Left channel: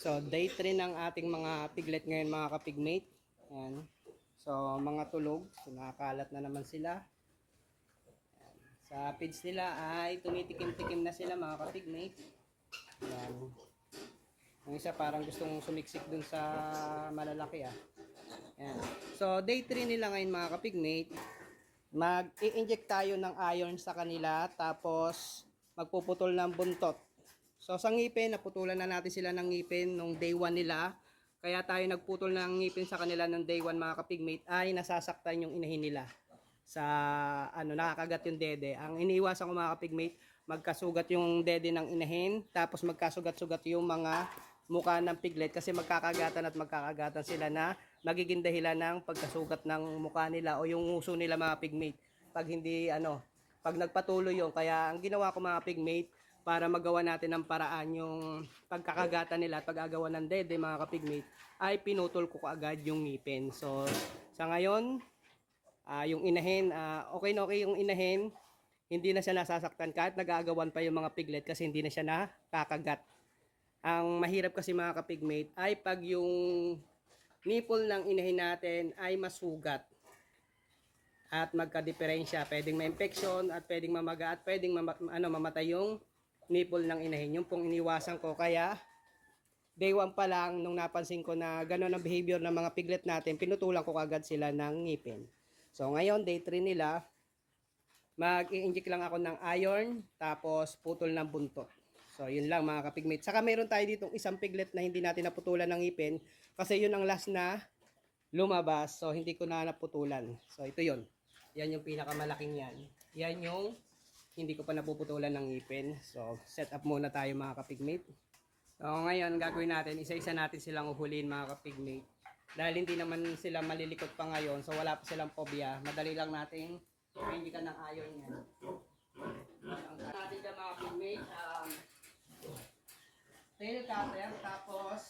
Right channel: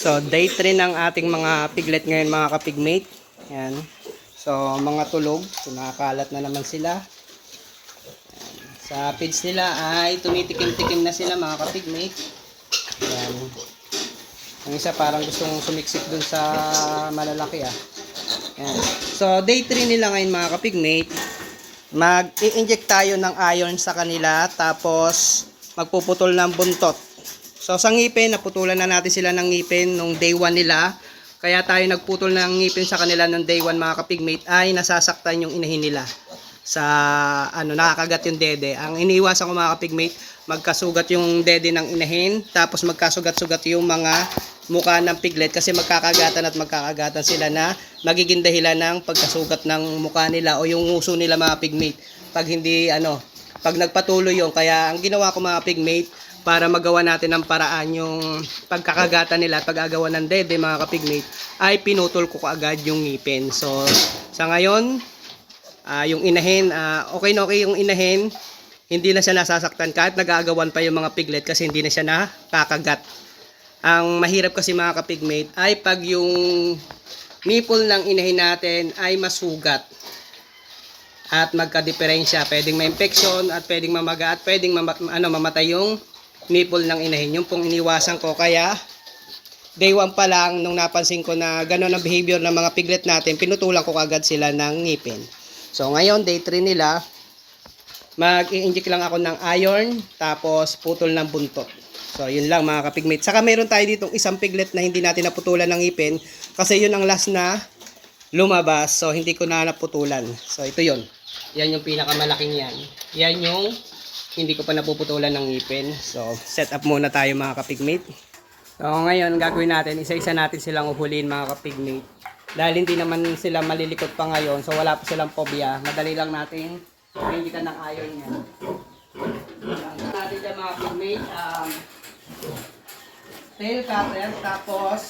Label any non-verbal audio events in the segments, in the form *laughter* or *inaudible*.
So, day 3 ng ating mga piglet ngayon mga kapigmate. Yan. So, mga tulog. So, nakakalat na naman sila. Yan. Sa feeds nila ay tumitikim-tikim na sila mga kapigmate. Yan. Ang isa parang gustong sumiksik dun sa malalaki ah. Yan. So, day 3 nila ngayon mga kapigmate. Mag-i-inject tayo ng iron sa kanila tapos magpuputol ng buntot. So sa ngipin, naputulan na natin sila ng ngipin nung day 1 nila. Kaya tayo nagputol ng ngipin sa kanila nung day 1 mga kapigmate ay nasasaktan yung inahin nila. Sa ano, nakakagat yung dede. Ang iniiwasan ko mga kapigmate, magkasugat yung dede ng inahin, tapos magkasugat-sugat yung mga mukha ng piglet kasi magkakagatan at magkakagatan sila na magiging dahilan ng pagkasugat ng mukha nila o yung nguso nila mga pigmate. Pag hindi ano, pag nagpatuloy yung kaya ang ginawa ko mga pigmate para magawa natin ng paraan yung pagkakagatan nila at pag-agawa ng dede mga kapigmate ay pinutol ko kaagad yung ngipin. So sa ngayon, ah, yung inahin, ah, okay na okay yung inahin, hindi na siya nasasaktan kahit nagagawan pa yung mga piglet kasi hindi na siya nakakagat. Ang mahirap kasi mga kapigmate ay pag yung nipple ng inahin natin ay masugat at magka-diferensya. Pwedeng may infection at pwedeng mamaga at pwedeng mama- ano, mamatay yung nipple ng inahin. Yung pong iniwasan ko. Kaya, day 1 pa lang, nung napansin ko na gano'n ang behavior ng mga piglet natin, pinutulan ko kagad sila ng ngipin. So, ngayon, day 3 nila, mag-i-inject lang ako ng iron, tapos putol ng buntot. So, yun lang mga kapigmate. Saka meron tayo ditong isang piglet na hindi natin naputulan ng ngipin, kasi yun ang last na lumabas. So, hindi ko na naputulan. So, ito yun. Yan yung pinakamalaking yan. Yan yung hindi ko pa napuputulan ng ngipin. So, set up muna tayo mga kapigmate. So, ngayon, gagawin natin, isa-isa natin silang uhulin mga kapigmate. Dahil hindi naman sila malilikot pa ngayon, so wala pa silang phobia. Madali lang natin pahindikan ng iron yan. Ang natin dyan mga kapigmate, um, tail cutter, tapos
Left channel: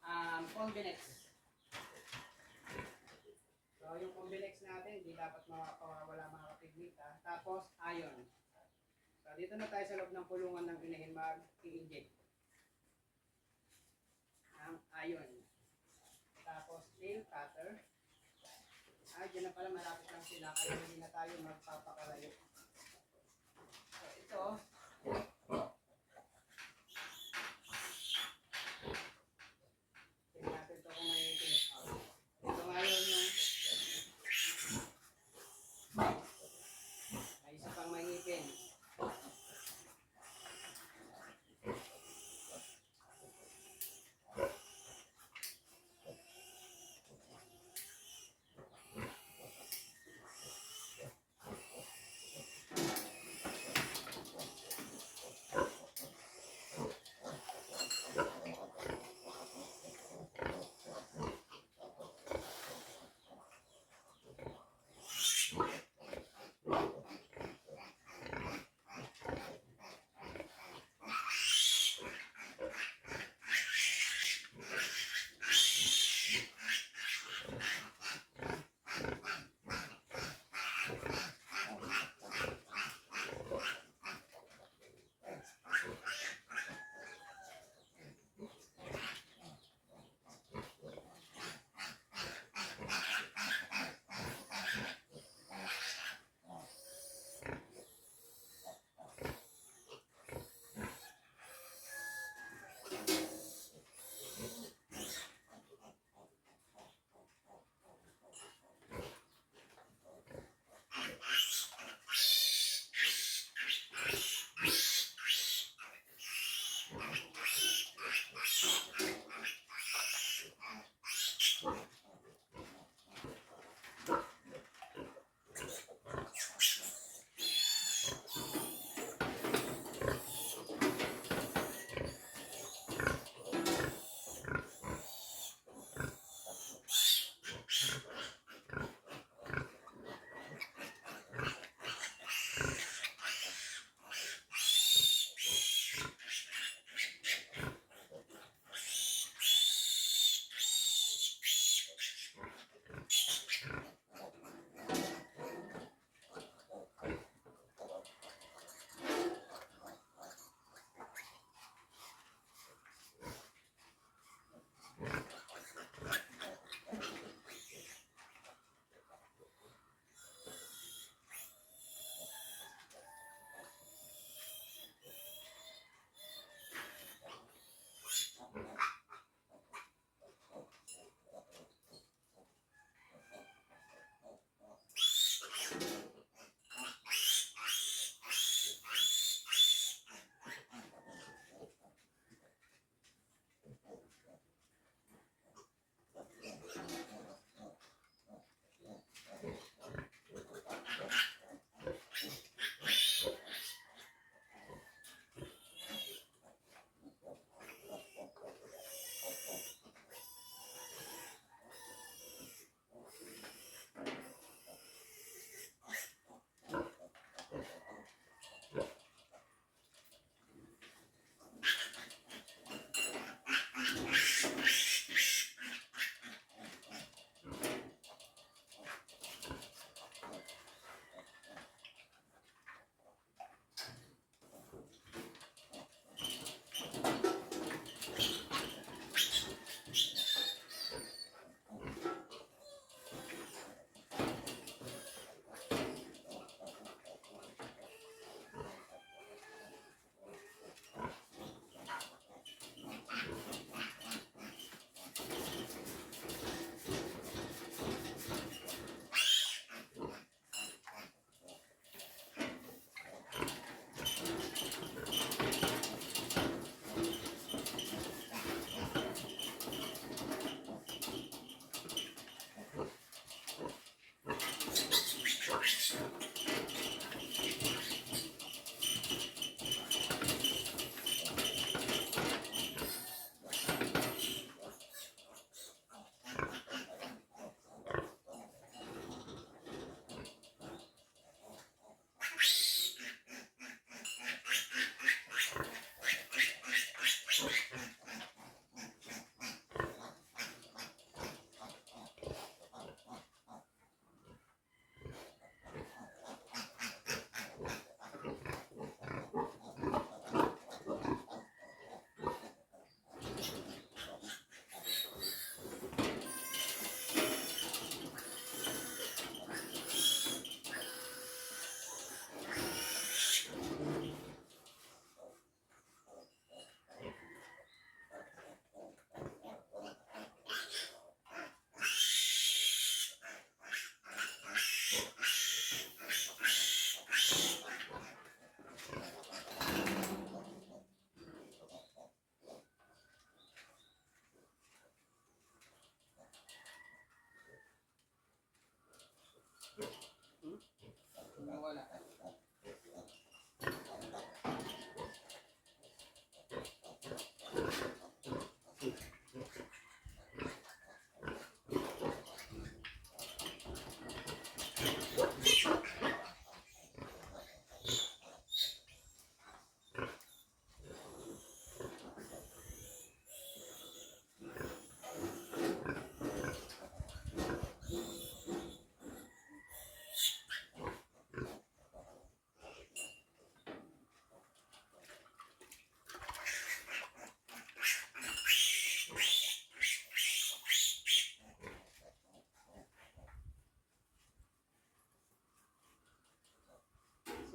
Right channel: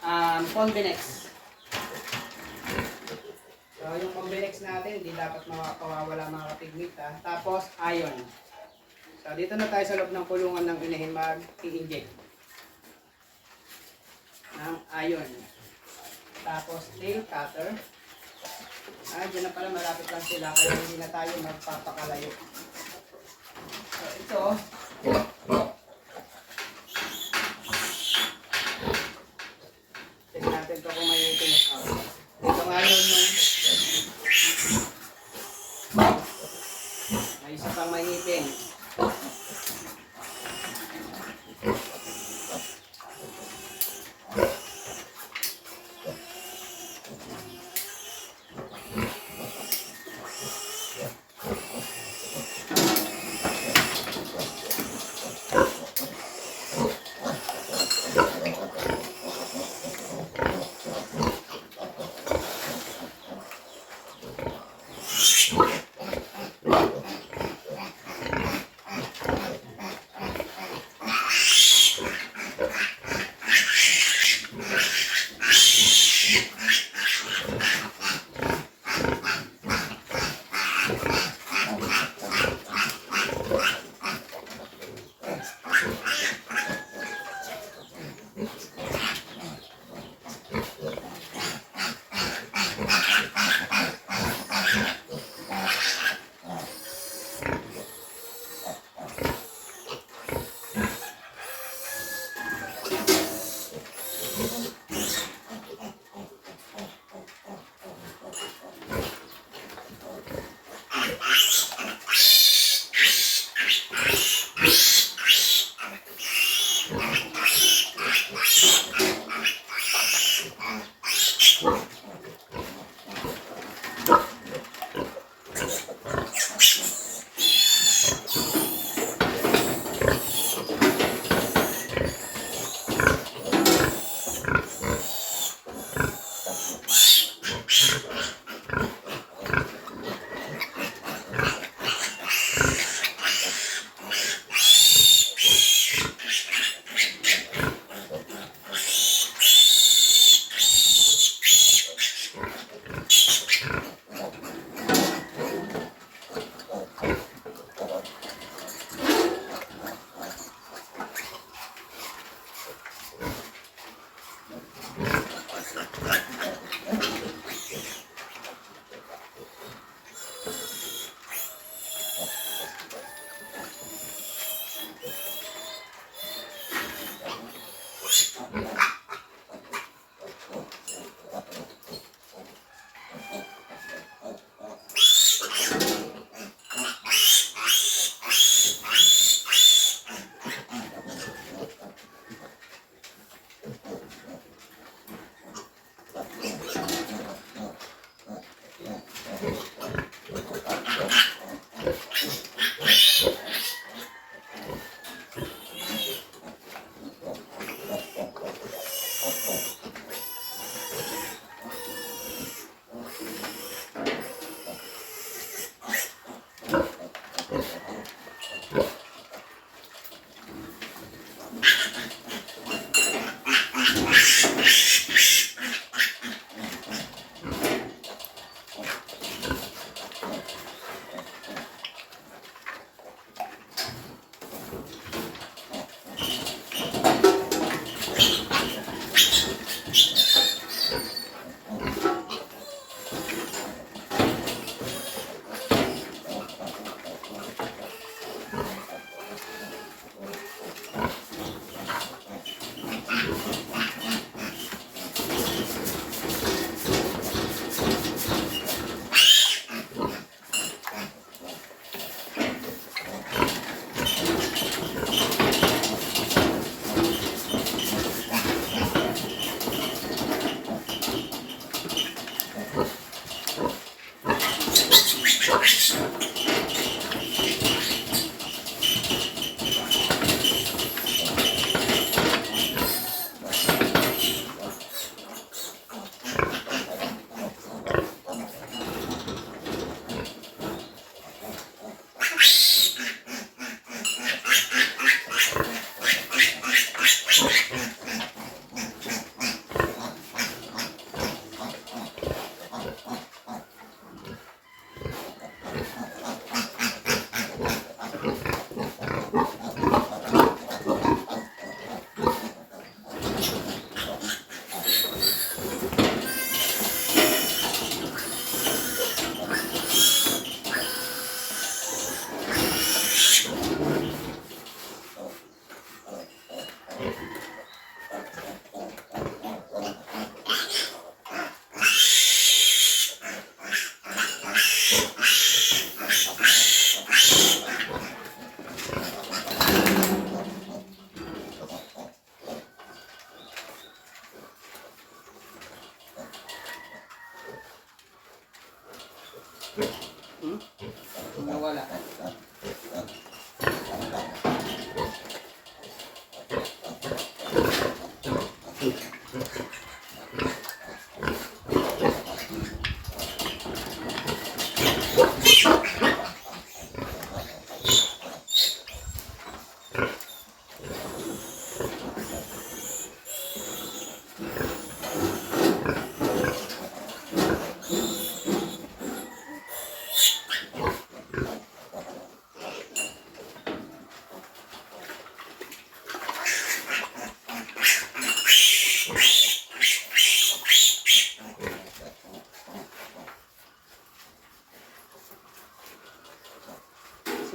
um, convenex. So, yung convenex natin, hindi dapat makakawawala mga kapigmate ha. Tapos, iron. So, dito na tayo sa loob ng kulungan ng inahin mag-i-inject ng iron. Tapos, tail cutter. Ah, dyan na pala, malapit lang sila, kaya hindi na tayo magpapakalayo. So, ito,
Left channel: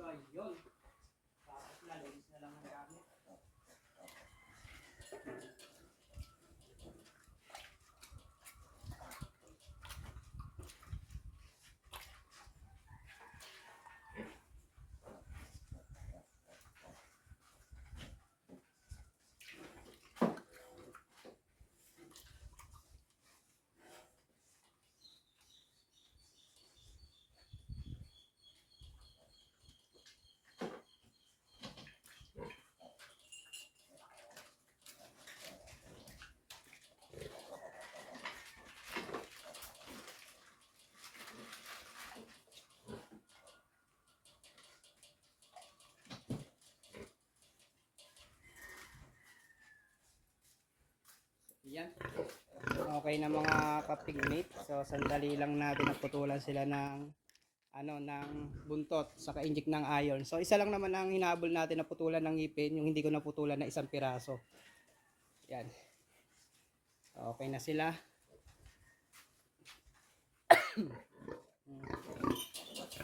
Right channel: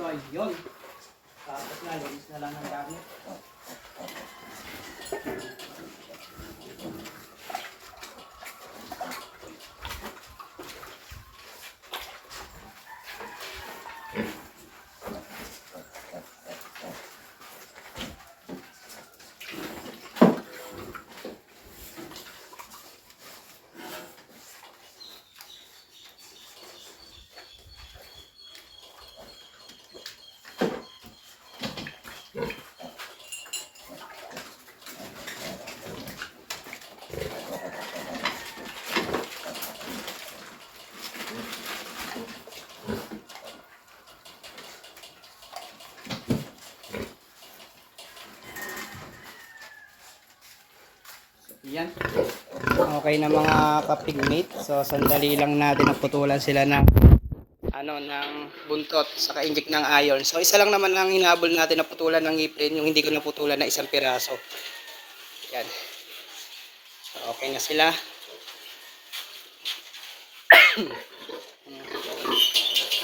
So, ayun. Tapos na, linis na lang ng gamit. Yan. Okay na mga kapigmate. So, sandali lang natin naputulan sila ng ano ng buntot sa inject ng iron. So, isa lang naman ang hinabol natin na putulan ng ngipin, yung hindi ko naputulan na isang piraso. Yan. So, okay na sila. *coughs*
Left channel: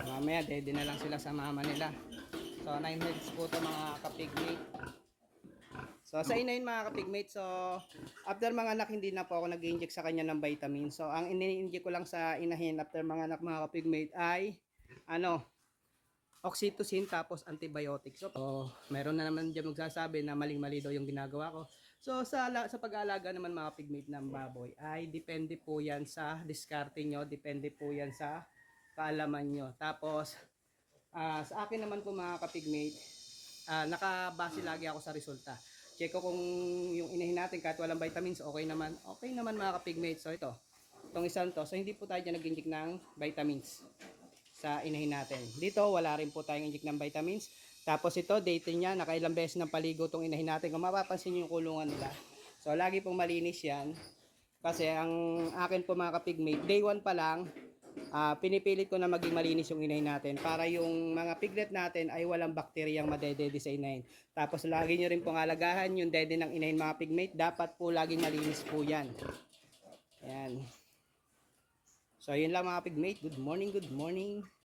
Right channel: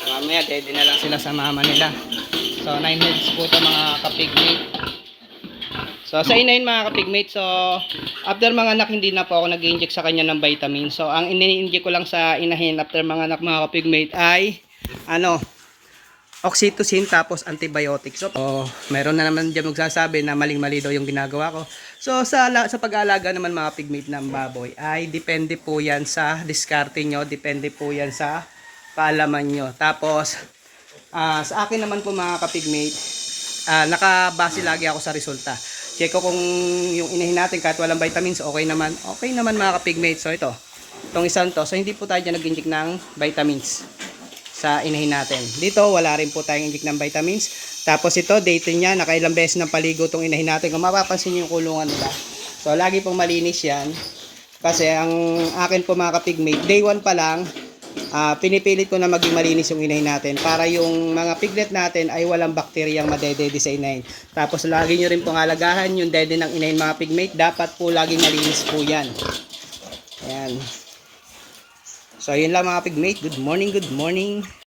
Mamaya, ready na lang sila sa mama nila. So, 9 heads po ito mga kapigmate. So, sa inahin mga kapigmate, so, after mga anak, hindi na po ako nag-inject sa kanya ng vitamin. So, ang ini-inject ko lang sa inahin after mga anak mga kapigmate ay, ano, oxytocin tapos antibiotic. So, oh, meron na naman dyan magsasabi na maling-mali daw yung ginagawa ko. So, sa, sa pag-aalaga naman mga pigmate ng baboy, ay depende po yan sa diskarte nyo, depende po yan sa kaalaman nyo. Tapos, ah, sa akin naman po mga kapigmate, ah, nakabase lagi ako sa resulta. Check ko kung yung inahin natin kahit walang vitamins, okay naman. Okay naman mga kapigmate. So ito, itong isang to. So hindi po tayo dyan nag-inject ng vitamins sa inahin natin. Dito, wala rin po tayong inject ng vitamins. Tapos ito, date niya, nakailang beses ng paligo itong inahin natin. Kung mapapansin niyo yung kulungan nila. So lagi pong malinis yan. Kasi ang akin po mga kapigmate, day 1 pa lang, ah, pinipilit ko na maging malinis yung inay natin para yung mga piglet natin ay walang bakteryang madedede sa inahin. Tapos lagi nyo rin pong alagahan yung dede ng inahin mga pigmate. Dapat po laging malinis po yan. Ayan. So, yun lang mga pigmate. Good morning, good morning.